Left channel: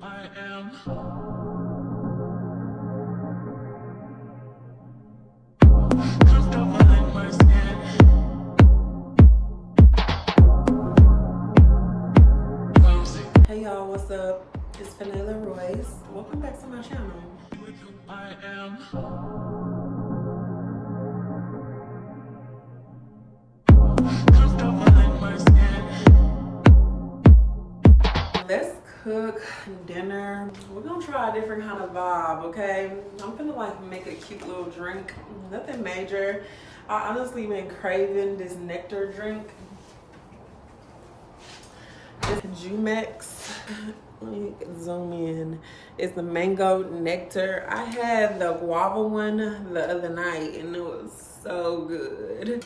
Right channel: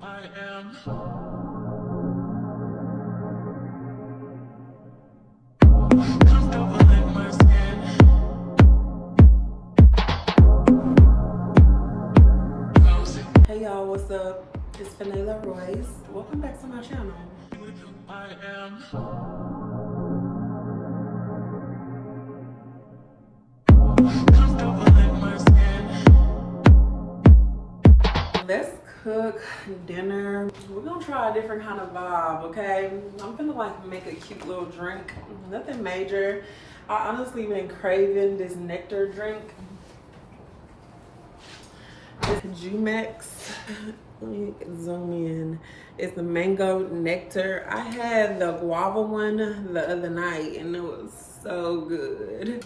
I am. Comfortable in my skin. Hey y'all, what's up? It's Vanilla Royce. Welcome back to my channel. I am. Comfortable in my skin. Let's cook dinner. We're gonna try a different kind of vibe, okay? I'm gonna like make a cute little drink. Nothing major. I honestly been craving this nectar drink. It's Jumex. Let me zoom in. It's the mango nectar. I had the guava one the other night and it was so good.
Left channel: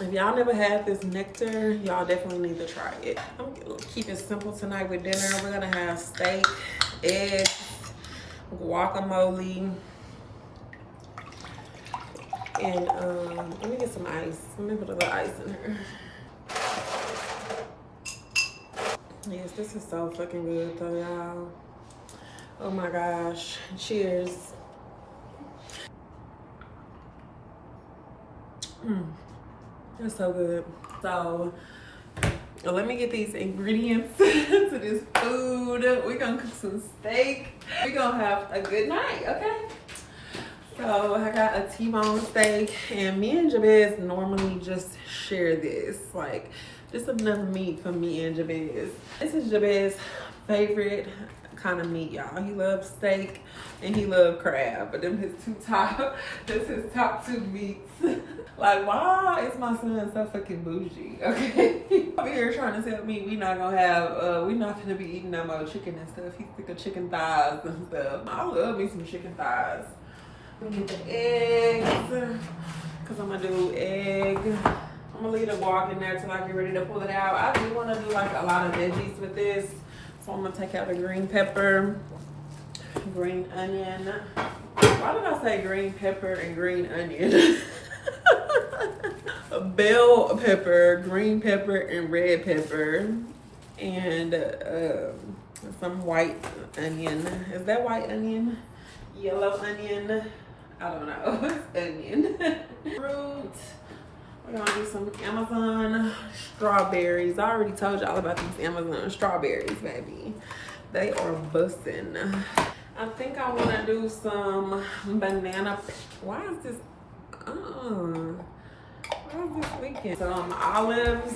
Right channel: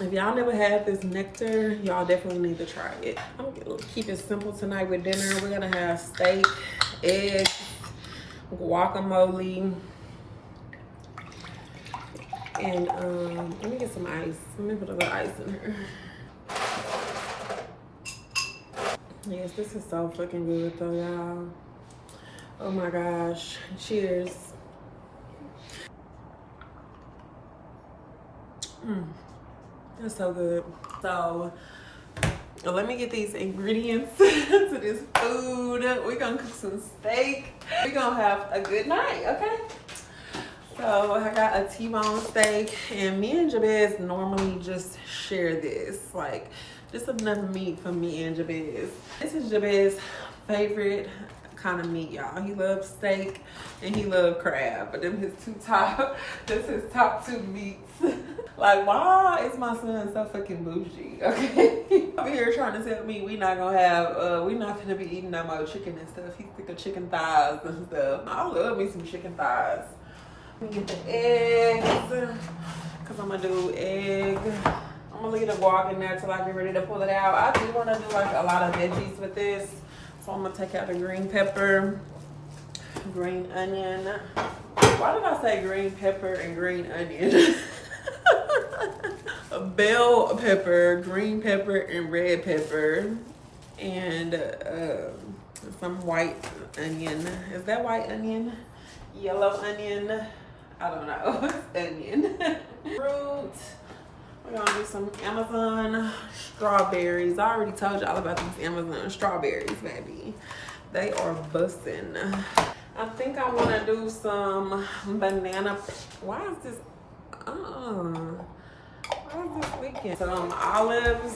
If y'all never had this nectar, y'all definitely need to try it. I'm gonna keep it simple tonight with dinner. We're gonna have steak, eggs, guacamole, and let me get some ice. Let me put a little ice in here. Yes, this is so fucking good though, y'all. Oh my gosh. Cheers. That's so good. So let me get these ingredients to this food. We're gonna cook some steak. We're gonna have a good night, okay? So I got a T-bone steak, and me and Jabez normally just share this. Like, just enough meat for me and Jabez. This is Jabez's favorite kind of meat, y'all. He loves steak and he loves crab, but them his his top two meats. Like, why is my son so fucking bougie? Okay, over here trying to tell me we not gonna be eating no more chicken and stuff. He's sick of chicken thighs and stuff. I love me some chicken thighs. We get the eggs, cause I'm gonna do egg. I'm gonna leave the guac in there till I get ready to pull it out. I do want to do like a lot of veggies with this. So I'm gonna take out the green pepper, green onion. Why did I say green pepper and green onion? Bell pepper, green pepper, and red pepper. And some white onion. Is that white onion? Yellow onion? I don't know. It's onion. Fruit. We're gonna do some Amazon strawberries. I already told y'all about these Amazon strawberries, baby. They are bussin'. I think I wanna do some banana. Why is this leaking? Some olives.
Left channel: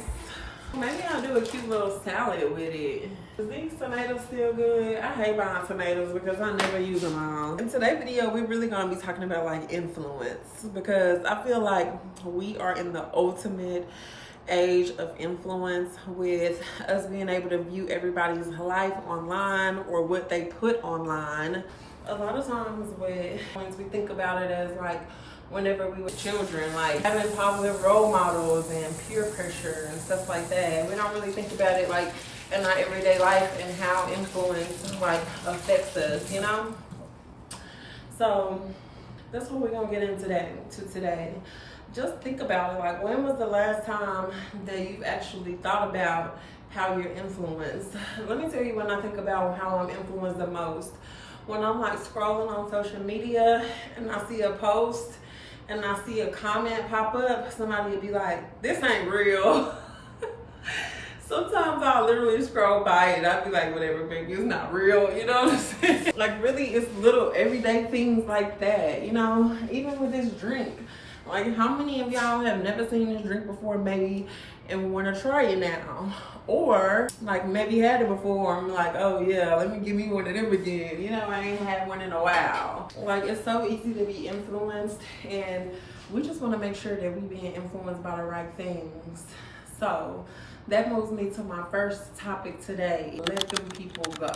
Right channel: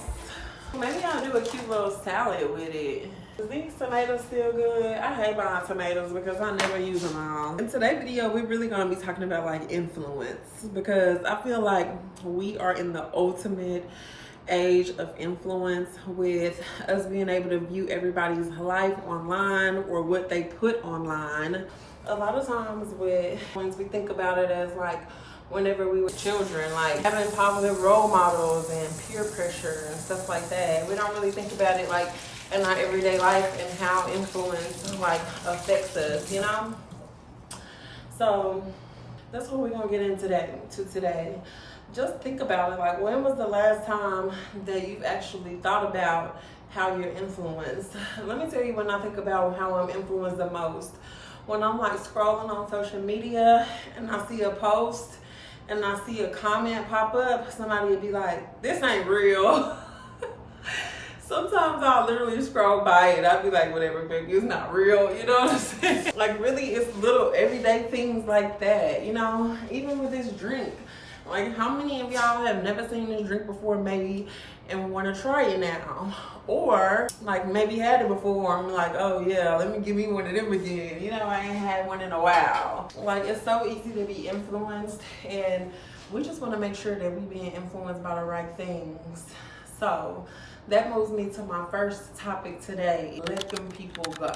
Maybe I'll do a cute little salad with it. Is these tomatoes still good? I hate buying tomatoes because I never use them all. In today's video, we're really gonna be talking about like influence, because I feel like we are in the ultimate age of influence, with us being able to view everybody's life online or what they put online. A lot of times when we think about it as like whenever we were children, like having positive role models and peer pressure and stuff like that. We don't really think about it like in our everyday life and how influence like affects us, you know? So that's what we're gonna get into today. Just think about it, like when was the last time that you've actually thought about how you're influenced? Let me tell you when I think about how I'm influenced the most. When I'm like scrolling on social media and I see a post and I see a comment pop up, somebody would be like, this ain't real. Sometimes I'll literally scroll by it. I'll be like, whatever, baby, it's not real. You know what I'm saying? Like, really, it's little everyday things like that, you know? Even with this drink. Like, how many of y'all have never seen this drink before, maybe, and want to try it now? Or, like, maybe had it before and like, oh, yeah, let me give me one of them again. You know, I ain't had one in a while. Like, it's so easy to be influenced, and we just want to make sure that we're being influenced by the right things. So that moves me to my first topic today. Let them people go.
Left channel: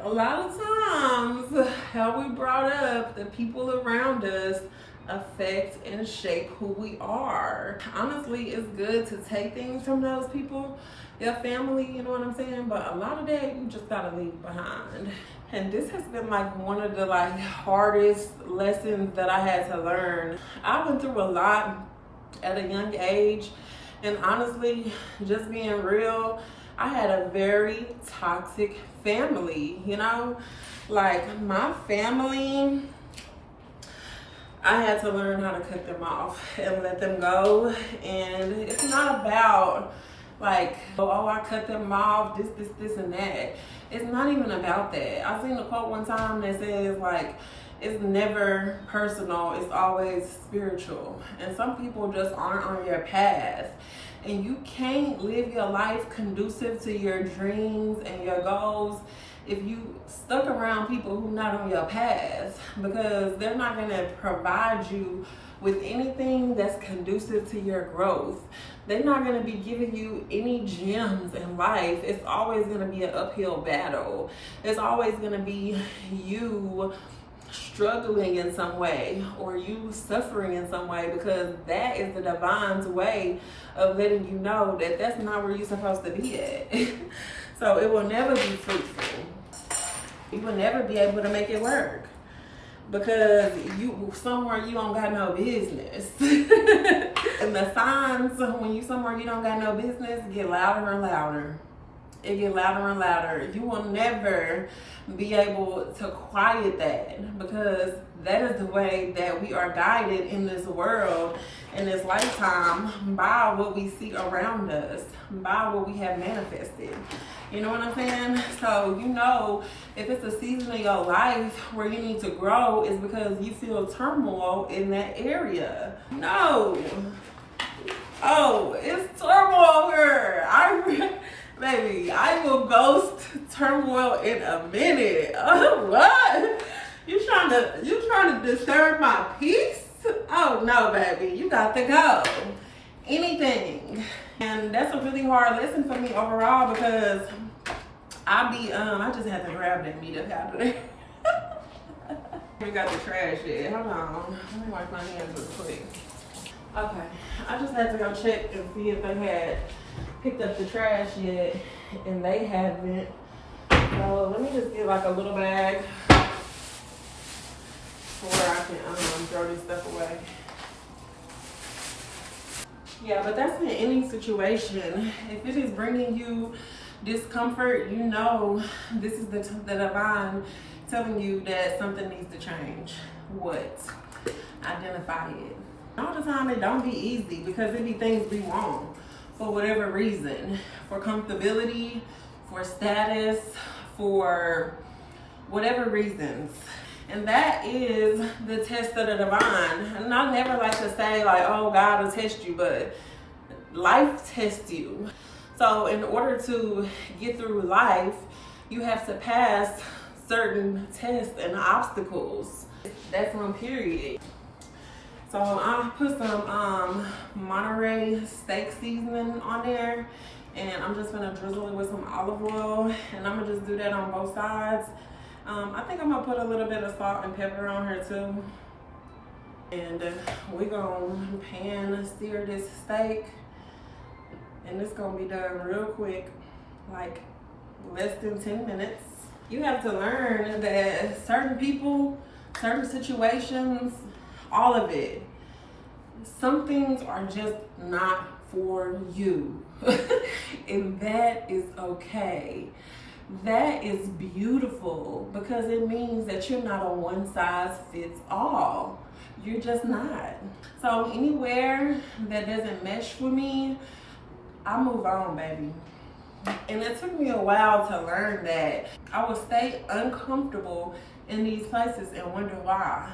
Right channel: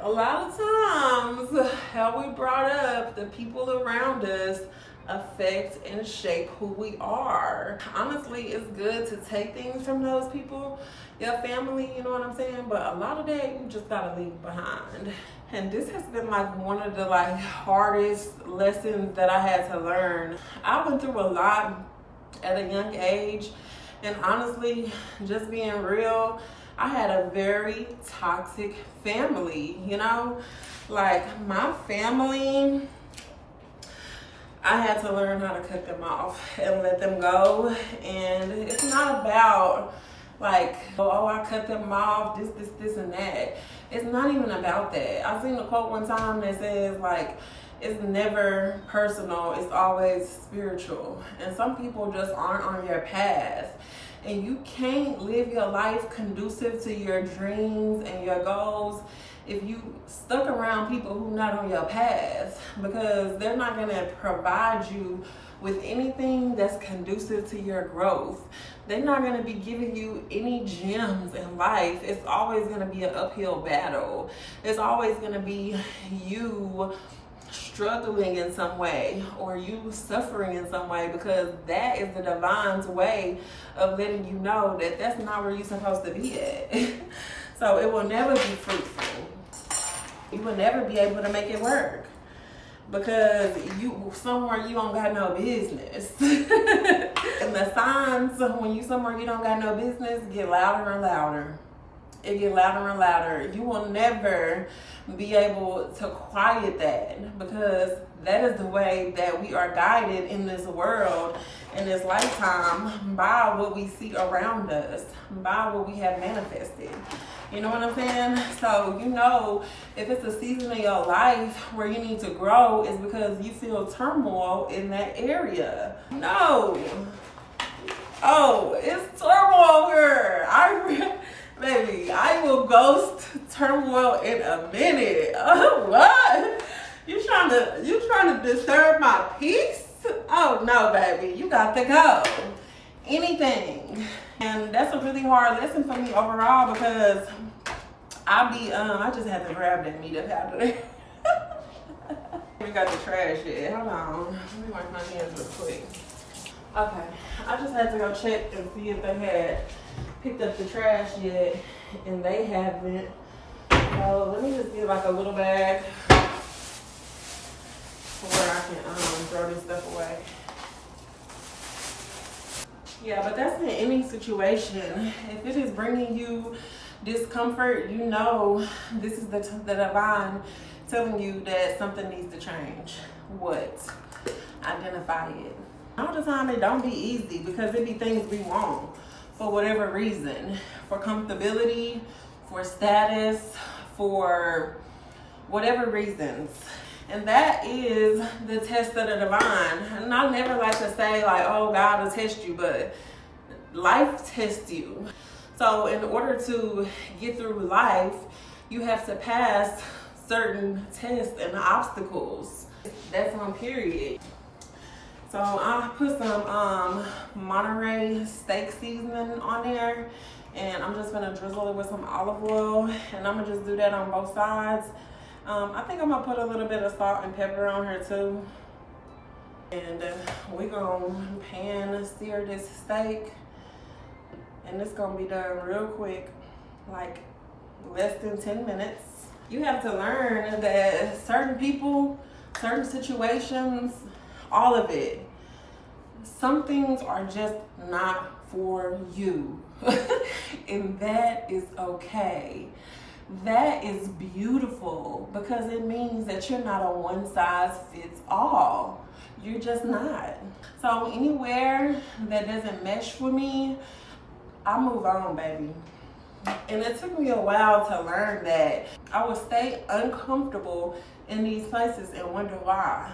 A lot of times, how we brought up, the people around us affect and shape who we are. Honestly, it's good to take things from those people, your family, you know what I'm saying? But a lot of that you just gotta leave behind. And this has been like one of the like hardest lessons that I had to learn. I went through a lot at a young age, and honestly, just being real, I had a very toxic family, you know? Like my family, I had to learn how to cut them off and let them go. And it's not about like, oh, I cut them off, this, and that. It's not even about that. I seen a quote one time that says like, it's never personal, it's always spiritual. And some people just aren't on your path. And you can't live your life conducive to your dreams and your goals if you stuck around people who not on your path, because they're not gonna provide you with anything that's conducive to your growth. They're not gonna be giving you any gems in life. It's always gonna be an uphill battle. It's always gonna be you struggling in some way or you suffering in some way, because that is the divine's way of letting you know that that's not where you're supposed to be at. So it will never be fruitful. You will never be able to make it work because you somewhere you don't got no business. And the signs when you somewhere you don't got no business get louder and louder. It get louder and louder. You will never be able to quiet that, because that is the way that we are guided in this world, in this lifetime, by what we see around us, by what we have manifested. You know what I'm saying? So, you know, if it's a season of your life where you need to grow, it's because you feel turmoil in that area. No. Oh, it's turmoil here. Baby, I will ghost turmoil in a minute. Oh, what? You trying to disturb my peace? Oh no, baby, you got to go. Anything. And that's a really hard lesson for me overall, because I just had to grab that meat up out of there. We got the trash yet. Hold on. Let me wipe my hands real quick. Okay, I just had to go check and see if they had picked up the trash yet, and they haven't. So let me just get like a little bag where I can throw this stuff away. Yeah, but that's in any situation. If it is bringing you discomfort, you know this is the divine telling you that something needs to change. What? Identify it. All the time it don't be easy, because it be things we want for whatever reason, for comfortability, for status, for whatever reasons. And that is the test of the divine. And I never like to say like, oh, God will test you, but life tests you. So in order to get through life, you have to pass certain tests and obstacles. That's on period. So I put some Monterey steak seasoning on there, and I'm just gonna drizzle it with some olive oil, and I'm gonna just do that on both sides. I think I'm gonna put a little bit of salt and pepper on here too. And we're gonna pan sear this steak, and it's gonna be done real quick, like less than 10 minutes. You have to learn that certain people, certain situations, all of it, some things are just not for you. And that is okay. That is beautiful, because it means that you're not a one size fits all. You're just not. So anywhere that doesn't mesh with me, I move on, baby. And it took me a while to learn that. I would stay uncomfortable in these places and wonder why.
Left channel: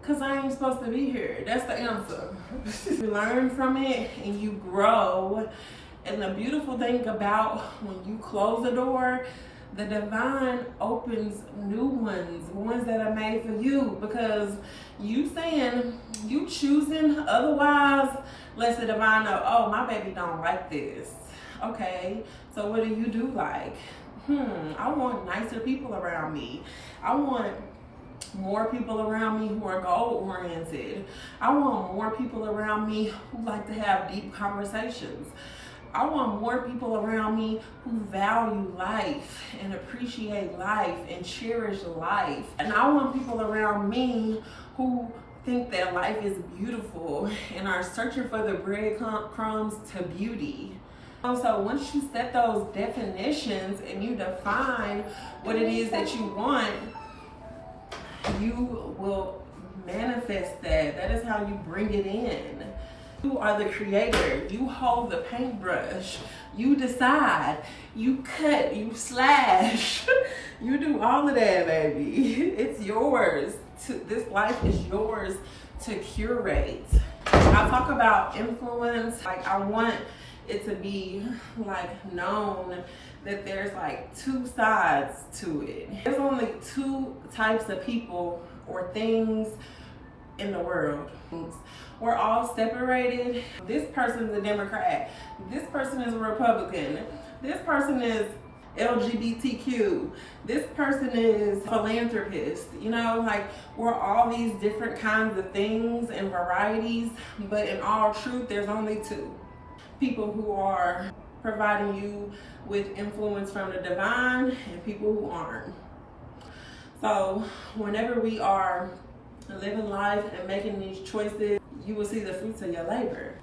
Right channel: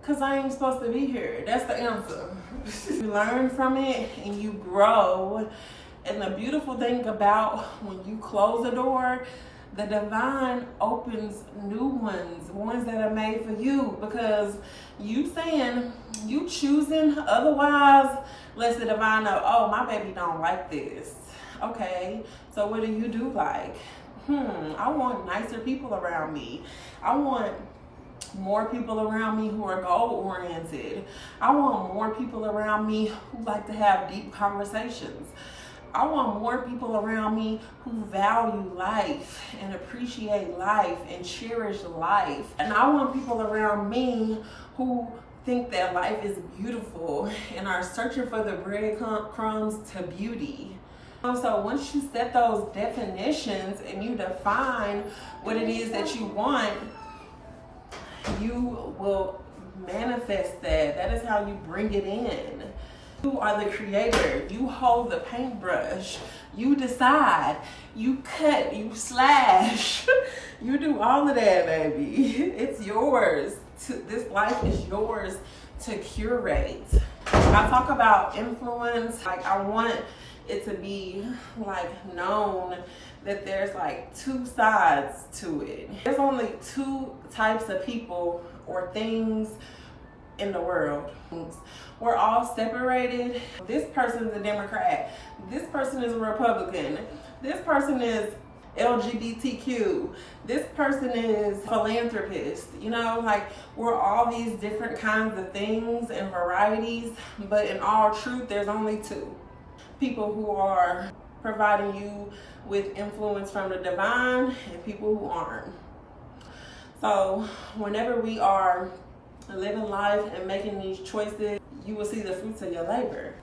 Because I ain't supposed to be here. That's the answer. You learn from it and you grow. And the beautiful thing about when you close a door, the divine opens new ones that are made for you. Because you saying, you choosing otherwise lets the divine know, oh, my baby don't like this. Okay, so what do you do like? I want nicer people around me. I want more people around me who are goal-oriented. I want more people around me who like to have deep conversations. I want more people around me who value life and appreciate life and cherish life. And I want people around me who think that life is beautiful and are searching for the breadcrumbs to beauty. So once you set those definitions and you define what it is that you want, you will manifest that. That is how you bring it in. You are the creator. You hold the paintbrush. You decide. You cut. You slash. You do all of that, baby. It's yours. This life is yours to curate. I talk about influence. Like, I want it to be like known that there's like two sides to it. There's only two types of people or things in the world. We're all separated. This person's a Democrat. This person is a Republican. This person is LGBTQ. This person is philanthropist. You know, like, we're all these different kinds of things and varieties, but in all truth, there's only two people who are providing you with influence from the divine and people who aren't. So whenever we are living life and making these choices, you will see the fruits of your labor.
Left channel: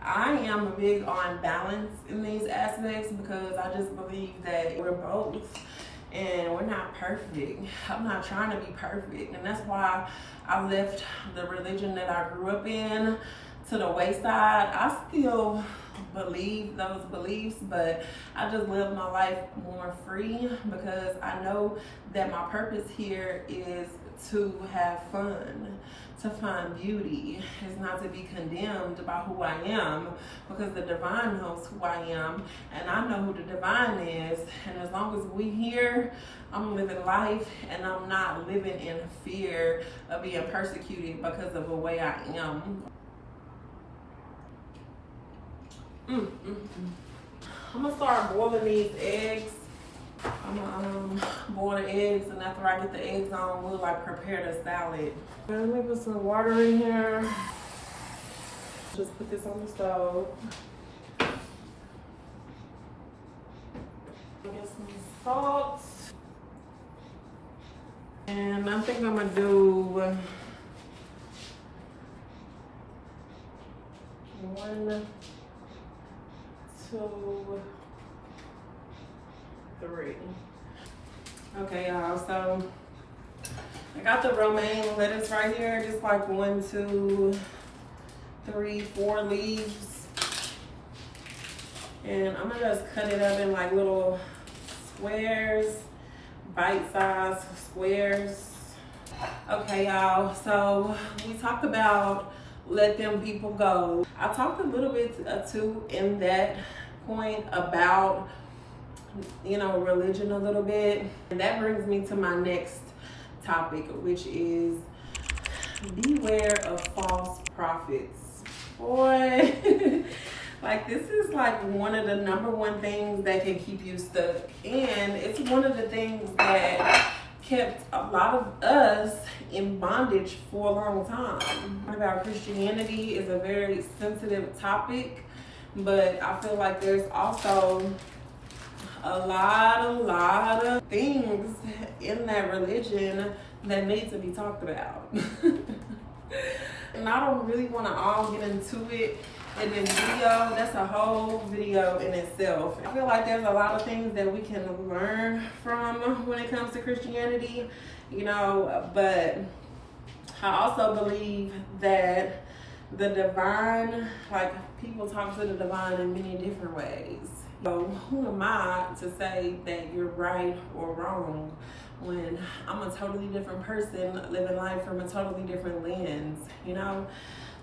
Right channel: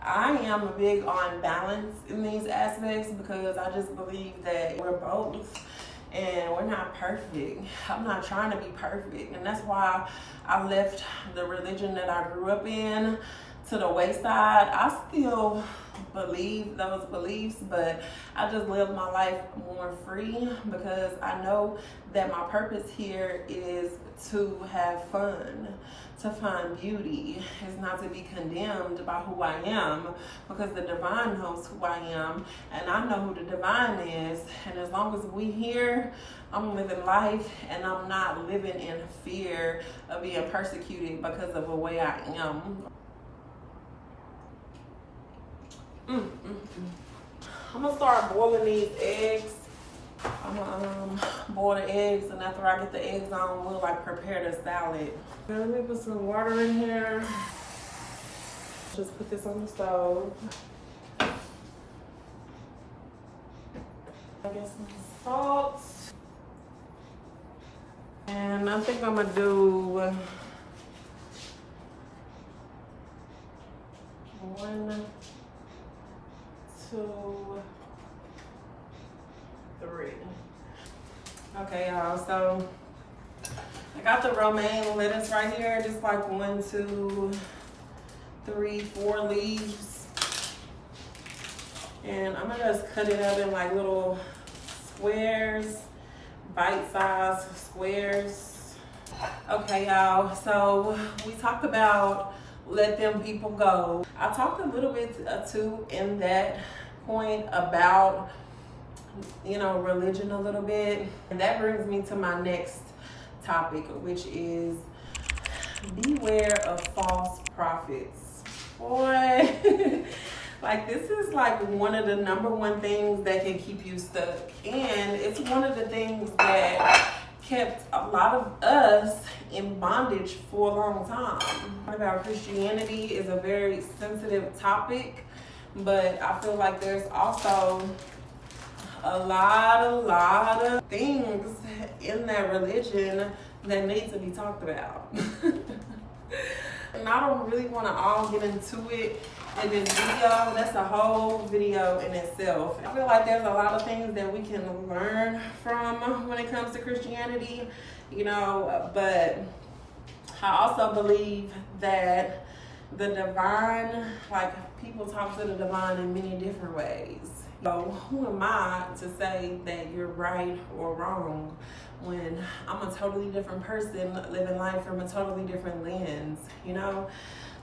I am big on balance in these aspects because I just believe that we're both and we're not perfect. I'm not trying to be perfect, and that's why I left the religion that I grew up in to the wayside. I still believe those beliefs, but I just live my life more free because I know that my purpose here is to have fun, to find beauty. It's not to be condemned by who I am, because the divine knows who I am and I know who the divine is. And as long as we here, I'm living life and I'm not living in fear of being persecuted because of the way I am. I'm gonna start boiling these eggs. I'm gonna boil the eggs, and after I get the eggs on, we'll like prepare the salad. Let me put some water in here. Just put this on the stove. I get some salt. And I think I'm gonna do 1, 2, 3. Okay, y'all, so I got the romaine lettuce right here, just like 1, 2, 3, 4 leaves. And I'm gonna just cut it up in like little squares, bite-sized squares. Okay, y'all, so we talked about let them people go. I talked a little bit too in that point about, you know, religion a little bit. And that brings me to my next topic, which is beware of false prophets. Boy, like, this is like one of the #1 things that can keep you stuck. And it's one of the things that kept a lot of us in bondage for a long time. About Christianity is a very sensitive topic, but I feel like there's also a lot of things in that religion that need to be talked about. And I don't really want to all get into it in this video. That's a whole video in itself. I feel like there's a lot of things that we can learn from when it comes to Christianity, you know, but I also believe that the divine, like, people talk to the divine in many different ways. So who am I to say that you're right or wrong when I'm a totally different person living life from a totally different lens, you know?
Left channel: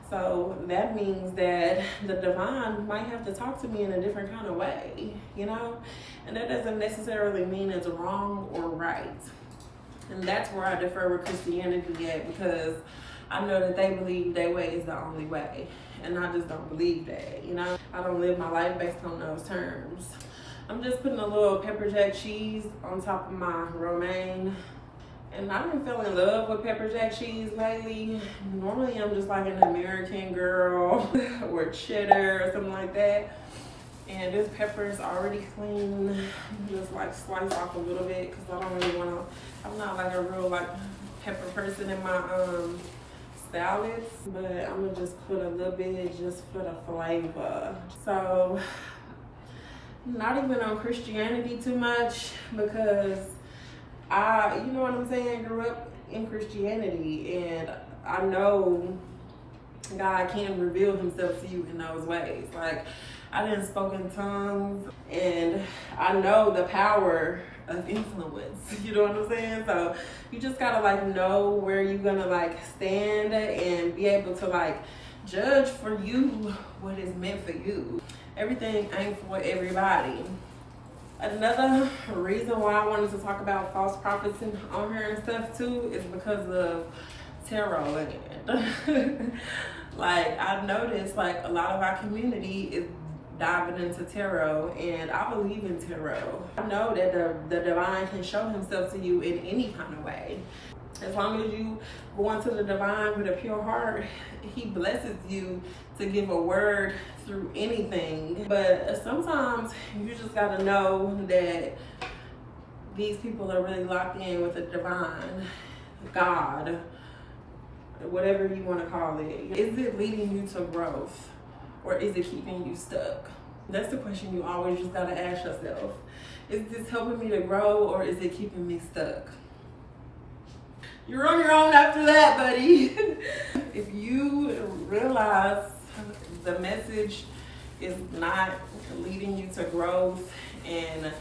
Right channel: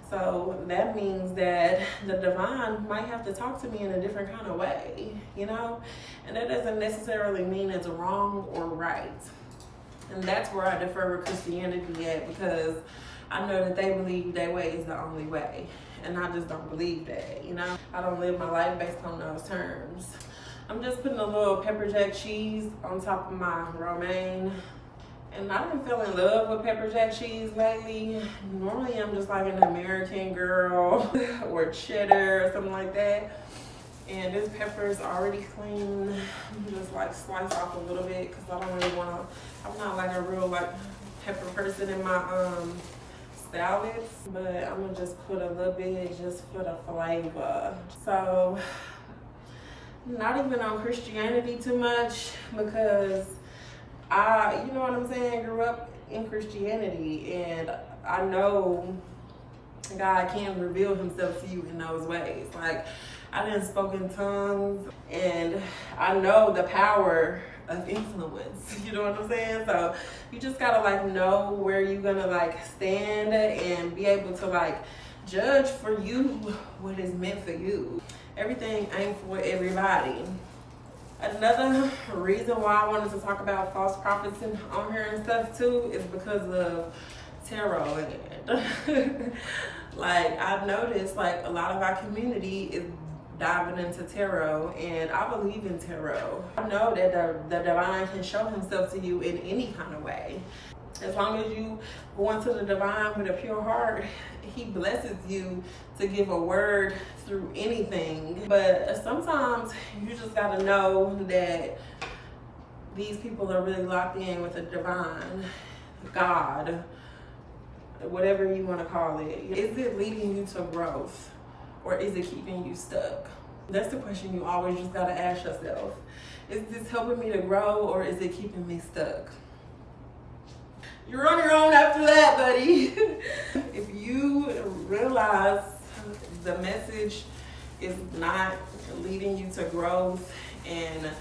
So that means that the divine might have to talk to me in a different kind of way, you know? And that doesn't necessarily mean it's wrong or right. And that's where I defer with Christianity at, because I know that they believe their way is the only way. And I just don't believe that, you know? I don't live my life based on those terms. I'm just putting a little pepper jack cheese on top of my romaine. And I've been feeling in love with pepper jack cheese lately. Normally I'm just like an American girl or cheddar or something like that. And this pepper is already clean. Just like slice off a little bit because I don't really want to, I'm not like a real like pepper person in my salads, but I'm gonna just put a little bit just for the flavor. So not even on Christianity too much, because you know what I'm saying, grew up in Christianity, and I know God can reveal himself to you in those ways. Like, I didn't spoke in tongues, and I know the power of influence. You know what I'm saying? So you just gotta like know where you're gonna like stand and be able to like judge for you what is meant for you. Everything ain't for everybody. Another reason why I wanted to talk about false prophets on here and stuff too is because of tarot land. Like, I've noticed like a lot of our community is diving into tarot, and I believe in tarot. I know that the divine can show himself to you in any kind of way. As long as you go into the divine with a pure heart, he blesses you to give a word through anything. But sometimes you just gotta know that these people are really locked in with the divine, God, whatever you want to call it. Is it leading you to growth, or is it keeping you stuck? That's the question you always just gotta ask yourself. Is this helping me to grow, or is it keeping me stuck? You're on your own after that, buddy. If you realize the message is not leading you to growth and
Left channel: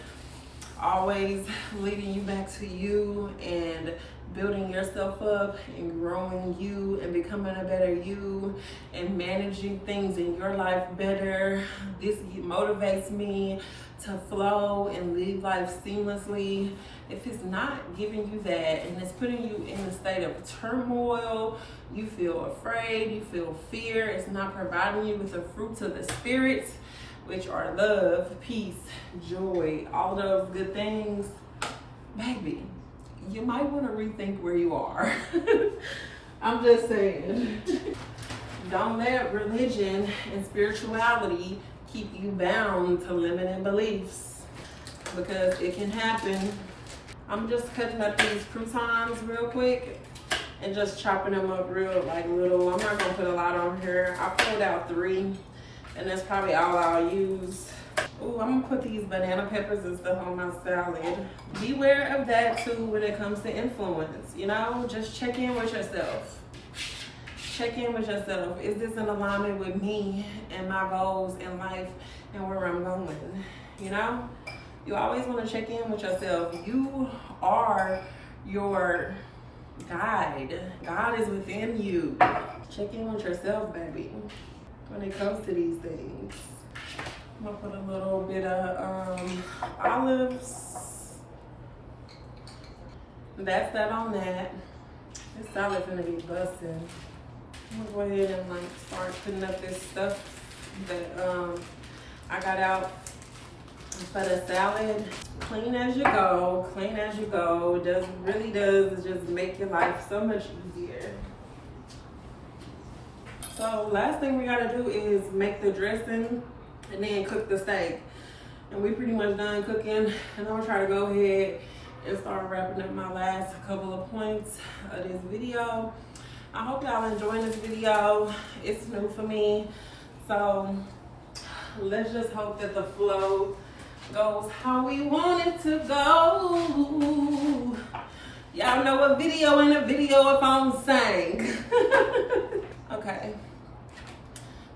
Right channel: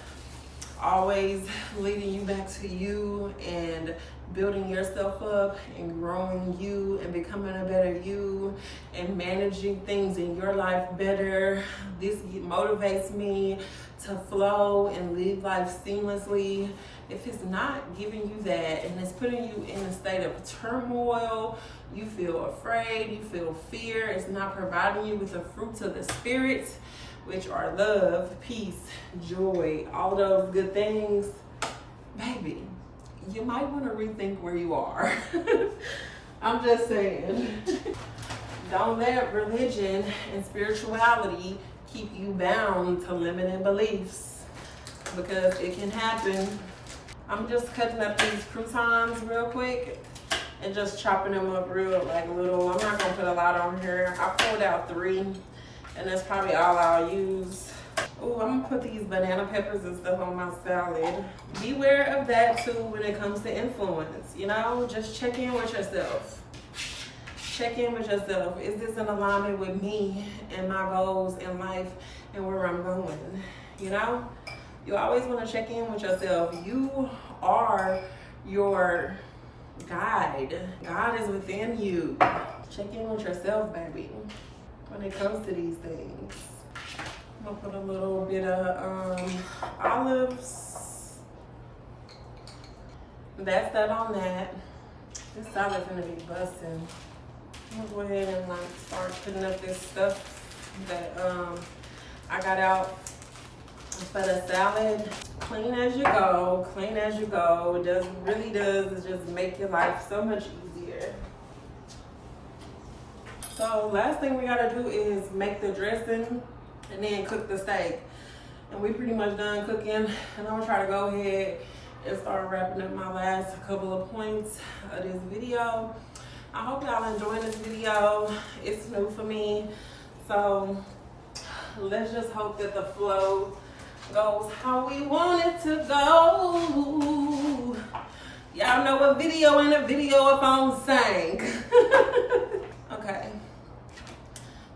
always leading you back to you and building yourself up and growing you and becoming a better you and managing things in your life better, this motivates me to flow and live life seamlessly. If it's not giving you that and it's putting you in a state of turmoil, you feel afraid, you feel fear, it's not providing you with the fruits of the spirit, which are love, peace, joy, all of those good things, baby, you might want to rethink where you are. I'm just saying. Don't let religion and spirituality keep you bound to limiting beliefs, because it can happen. I'm just cutting up these croutons real quick and just chopping them up real like little. I'm not gonna put a lot on here. I pulled out 3, and that's probably all I'll use. Oh, I'm gonna put these banana peppers and stuff on my salad. Beware of that too when it comes to influence, you know? Just check in with yourself. Check in with yourself. Is this in alignment with me and my goals in life and where I'm going? You know? You always want to check in with yourself. You are your guide. God is within you. Check in with yourself, baby, when it comes to these things. I'm gonna put a little bit of olives. That's that on that. This salad's gonna be busting. I'm gonna go ahead and like start putting up this stuff that I got out for the salad. Clean as you go, clean as you go. It really does just make your life so much easier. So last thing we gotta do is make the dressing and then cook the steak. And we pretty much done cooking, and I'm gonna try to go ahead and start wrapping up my last couple of points of this video. I hope y'all enjoying this video. It's new for me, so let's just hope that the flow goes how we want it to go. Y'all know a video ain't a video if I don't sing. Okay.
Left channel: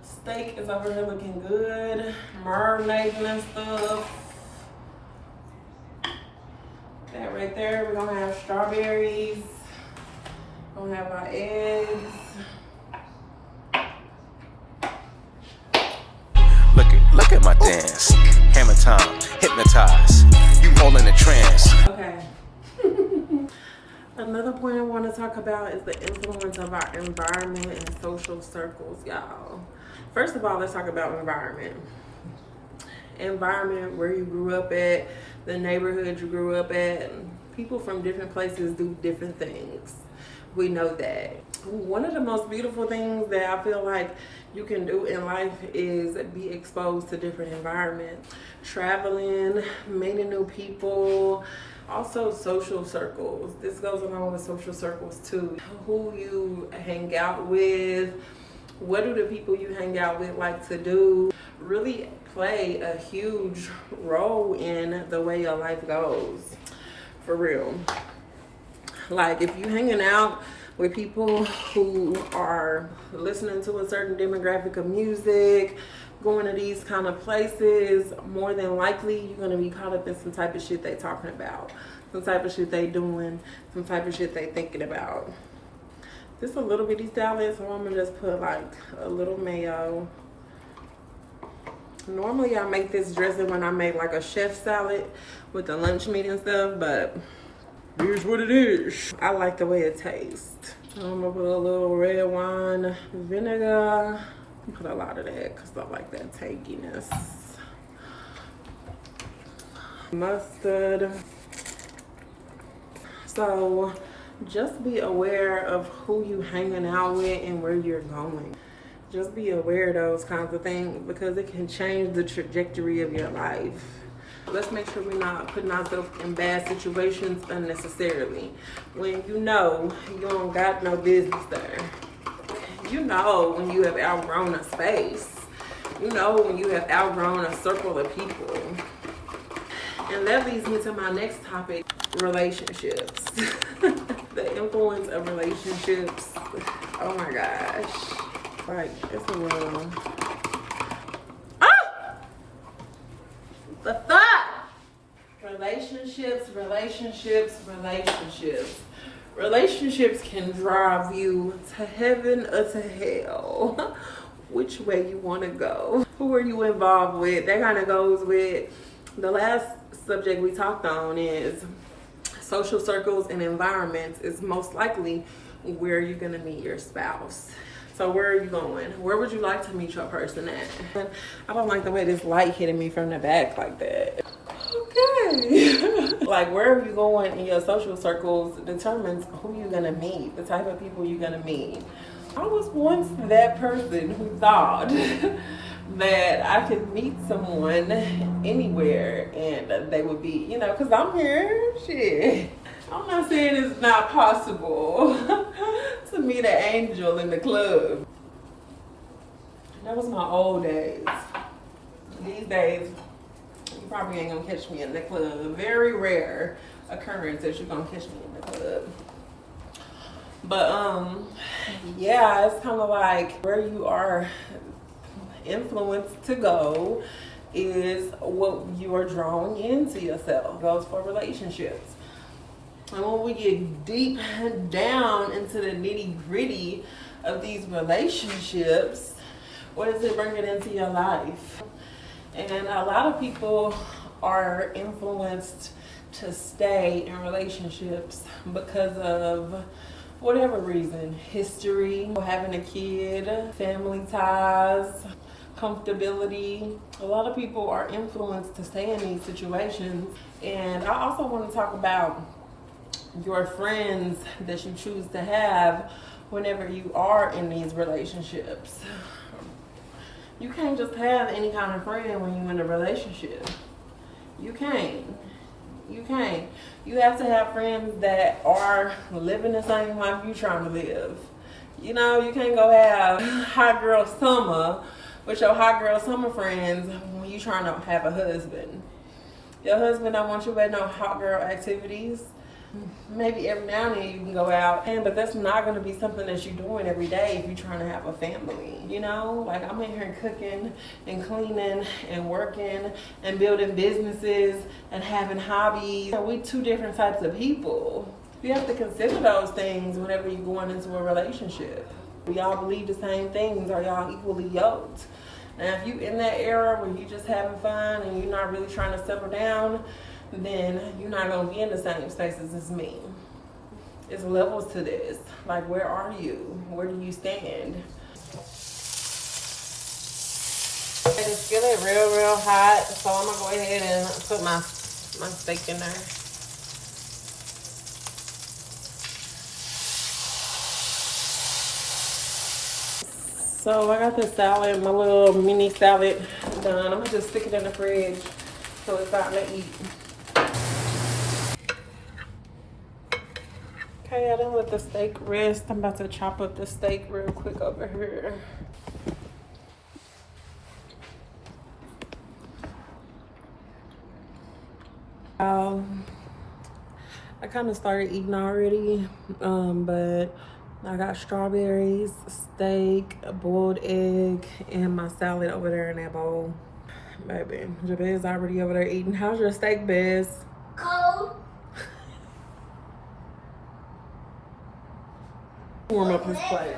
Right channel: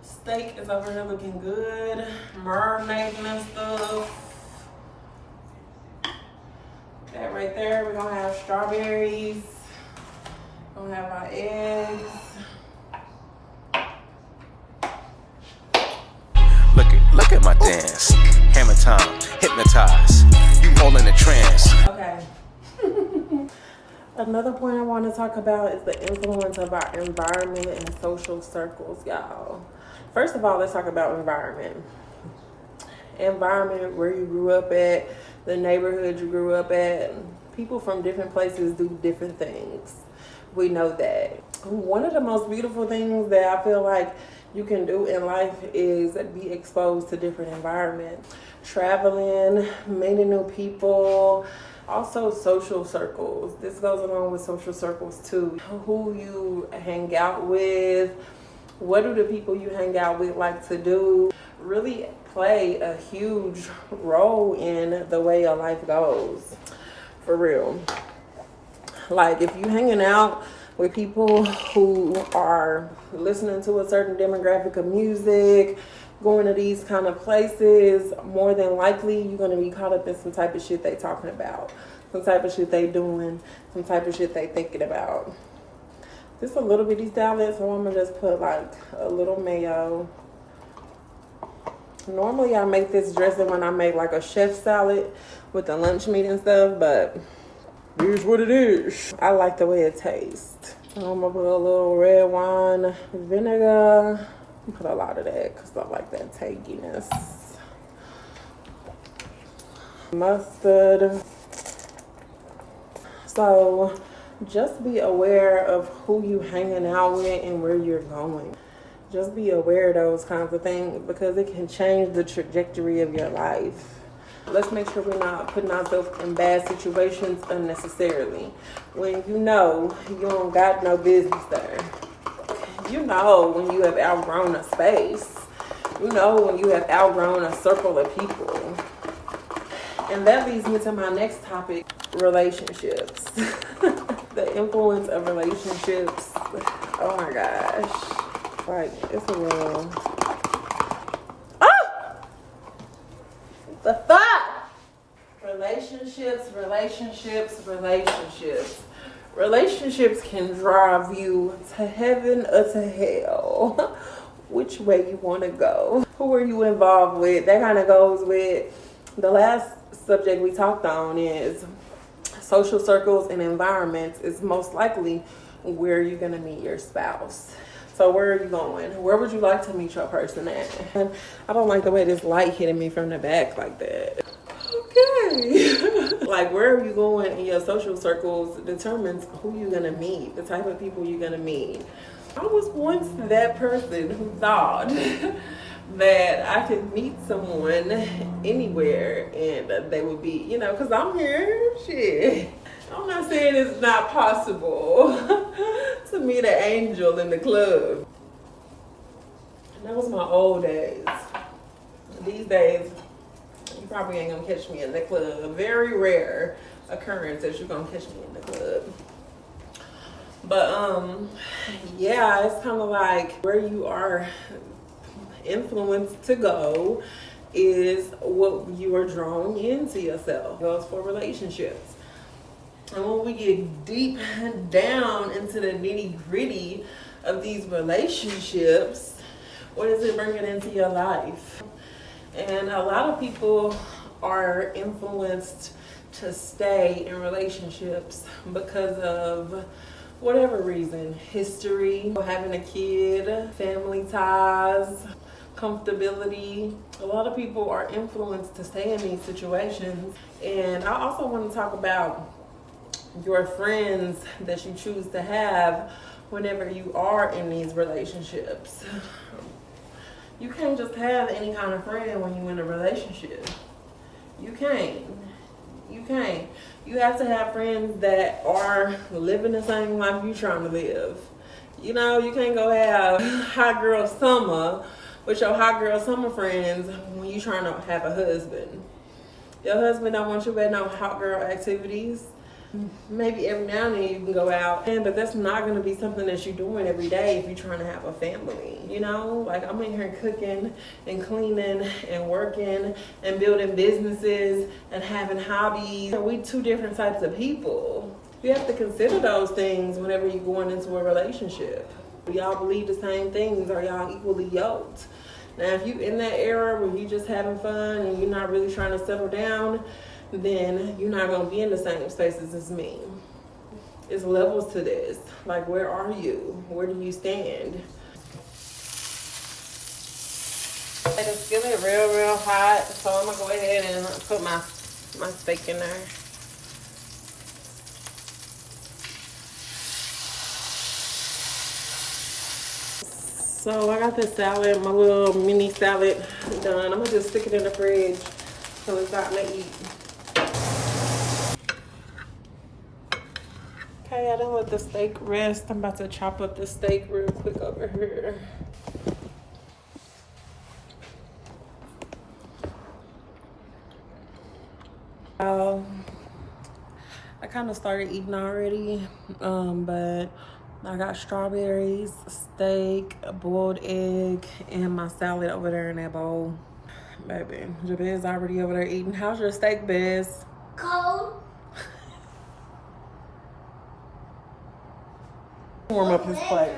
Steak is over here looking good. Marinading and stuff. That right there, we're gonna have strawberries. Gonna have our eggs. Look at my dance. Hammer time, hypnotize. You all in a trance. Okay. Another point I want to talk about is the influence of our environment and social circles, y'all. First of all, let's talk about environment. Environment, where you grew up at, the neighborhood you grew up at. People from different places do different things. We know that. One of the most beautiful things that I feel like you can do in life is be exposed to different environments. Traveling, meeting new people, also social circles. This goes along with social circles too. Who you hang out with, what do the people you hang out with like to do? really play a huge role in the way your life goes. For real. Like, if you hanging out with people who are listening to a certain demographic of music, going to these kind of places, more than likely you're going to be caught up in some type of shit they talking about, some type of shit they doing, some type of shit they thinking about. This a little bitty salad, so I'm gonna just put like a little mayo. Normally I make this dressing when I make like a chef salad with the lunch meat and stuff, but here's what it is. I like the way it tastes. So I'm gonna put a little red wine vinegar. Put a lot of that because I like that tanginess. Mustard. So just be aware of who you hanging out with and where you're going. Just be aware of those kinds of things because it can change the trajectory of your life. Let's make sure we're not putting ourselves in bad situations unnecessarily. When you know you don't got no business there. You know when you have outgrown a space. You know when you have outgrown a circle of people. And that leads me to my next topic, relationships. The influence of relationships. Oh my gosh. Like, it's a real... Ah! The thought! Relationships. Relationships can drive you to heaven or to hell. Which way you want to go. Who are you involved with? That kind of goes with the last subject we talked on is social circles and environments is most likely where you're going to meet your spouse. So where are you going? Where would you like to meet your person at? I don't like the way this light hitting me from the back like that. Okay. Like, where are you going in your social circles determines who you're going to meet, the type of people you're going to meet. I was once that person who thought that I could meet someone anywhere and they would be, you know, because I'm here, shit. I'm not saying it's not possible to meet an angel in the club. That was my old days. These days, you probably ain't gonna catch me in the club. A very rare occurrence that you're gonna catch me in the club. But yeah, it's kind of like where you are influenced to go is what you are drawing into yourself. Goes for relationships. And when we get deep down into the nitty-gritty of these relationships, what does it bring it into your life? And a lot of people are influenced to stay in relationships because of whatever reason. History, having a kid, family ties, comfortability. A lot of people are influenced to stay in these situations. And I also want to talk about your friends that you choose to have whenever you are in these relationships. You can't just have any kind of friend when you're in a relationship. You can't. You have to have friends that are living the same life you're trying to live. You know, you can't go have hot girl summer with your hot girl summer friends when you're trying to have a husband. Your husband don't want you at no hot girl activities. Maybe every now and then you can go out, but that's not going to be something that you're doing every day if you're trying to have a family. You know, like I'm in here cooking and cleaning and working and building businesses and having hobbies. We two different types of people. You have to consider those things whenever you're going into a relationship. Do y'all believe the same things? Are y'all equally yoked? Now, if you in that era where you just having fun and you're not really trying to settle down, then you're not going to be in the same spaces as me. It's levels to this. Like, where are you? Where do you stand? It's skillet real hot, so I'm going to go ahead and put my steak in there. So I got this salad, my little mini salad done. I'm going to just stick it in the fridge so it's not to eat. Okay, I done let the steak rest. I'm about to chop up the steak real quick over here. kind of started eating already, but I got strawberries, steak, a boiled egg, and my salad over there in that bowl. Baby, Jabez already over there eating. How's your steak, Bez? Cold. Warm up his plate.